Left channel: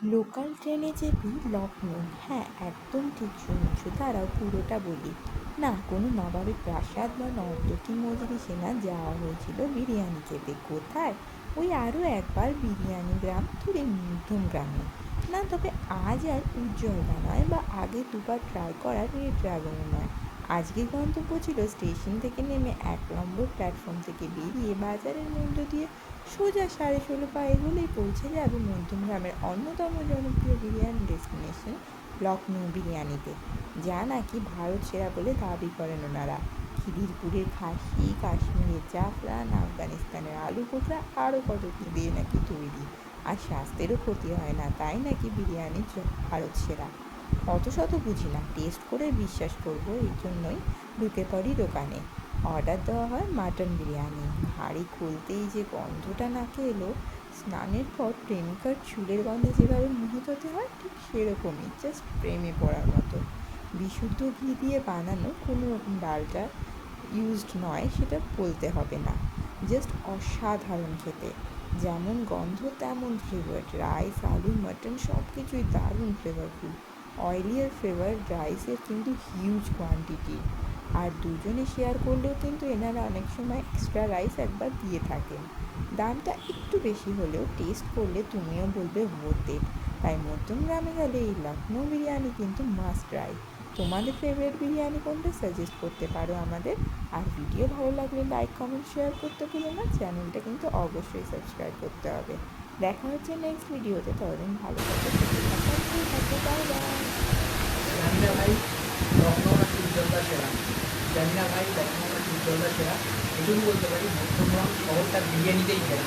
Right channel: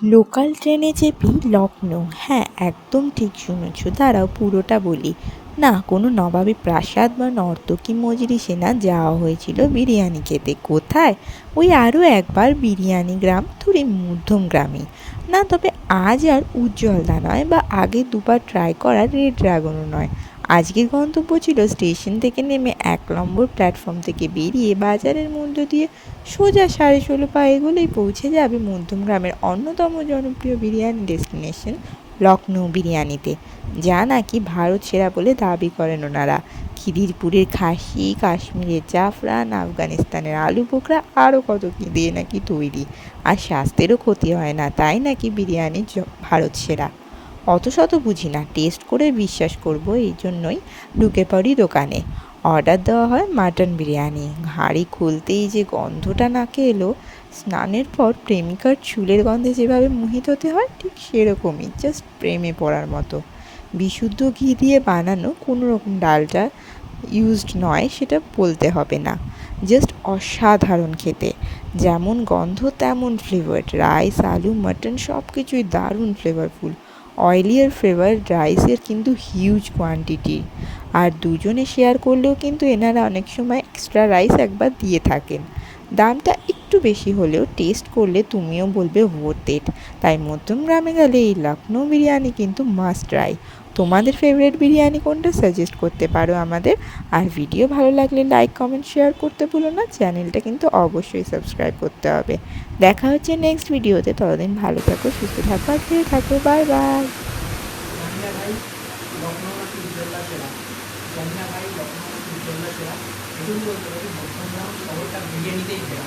Local ট্রেনে চেপি লখনৌ। হ্যাঁ, একদম ঠিক শুনেছ। দাঁড়াও পুরোটা বলি। না, কোনো নবাবী প্রাসাদ বা নর্তকী মজলিসে না, যাওয়া হয়েছিল বিরিয়ানি খেতে। কোথায়? ওই আরও একবার বিরিয়ানি গ্রাম, থুড়ি মধ্যম গ্রামে। না, তবে আজ আর উজ্জ্বলদা নয়, বা আগে দুবার ট্রাই করা রেড ড্রাগনও নয়। আজকের গন্তব্য ছিল স্টেশন থেকে নেমে 1 নম্বর প্ল্যাটফর্ম থেকে বেরিয়ে বাজারের মধ্য দিয়ে সোজা 16.5 পা এগোলেই পৌঁছে যাবে মধ্যমগ্রামের অন্যতম জনপ্রিয় বিরিয়ানি ডেস্টিনেশন লখনৌ বিরিয়ানিতে, যা নাকি ভারত সেরা বলে দাবি করেন ওনারা। খিদিরপুরের খাসি, কাশ্মীরের জাফরান, আফগানিস্তানের আলু বোখরা, আরও কত কী দিয়ে নাকি তৈরি। আর স্বাস্থ্যেরও ক্ষতি হয় না, তাই নাকি বিরিয়ানি ভারত সেরা। অত শত বুঝি না, টেস্ট করে বিশ্বাস করব, এই জন্যই ঢুকে পড়ি দোকানে। অর্ডার দেওয়া হয় মাটন বিরিয়ানি। হাঁড়ি খুলতেই যে গন্ধটা নাকে এলো, স্নানের পর প্রেমিকার চুলের গন্ধে যেভাবে মোহিত হতে হয়, ঠিক সেরকমই, জাস্ট প্রেমে পড়ার মতো। বিশুদ্ধ ঘি দিয়ে বানানো, কোনো রকম ডালটা ইউজড নয়, সেটা বলতে হবে না। জাস্ট অসাধারণ খেতে। যেমন গন্ধ তেমন ফ্লেভার। রাইস, আলু, মাটন সব কিছুই দারুণ ফ্লেভারফুল। অয়েলি আর ফ্লেভার রাইসের কিন্তু হিউজ কোয়ান্টিটি। আর দুজনে শেয়ার করলেও কিন্তু এনারা অনেক সময় এক্সট্রা রাইস একবার দিয়ে থাকেন। দামটা একটু বেশি হলেও টেস্ট করলে তুমিও বলবে ওয়ার্থ ইট। তাই মধ্যমগ্রামে গেলে এই লখনৌ বিরিয়ানি কিন্তু মাস্ট ট্রাই। তোমাদের ফেভারিট বিরিয়ানি কোনটা, সাজেস্ট করতে পারো আমাদের। আর ভিডিও ভালো লাগলে লাইক, কমেন্ট, শেয়ার করতে ভুলো না। চ্যানেলটা কিন্তু অবশ্যই সাবস্ক্রাইব করতে হবে। দেখা হচ্ছে নেক্সট ভিডিওতে। ততদিন ভালো থাকো, সুস্থ থাকো আর খেয়ে থাকো। Bye bye. জানি না ভাই লখনৌ নাকি উজ্জ্বলদা সেরা, জানি না ভাই লখনৌ নাকি উজ্জ্বলদা সেরা, এটুকু বলতে পারি মধ্যমগ্রাম শহরটা বিরিয়ানিতেই সেরা।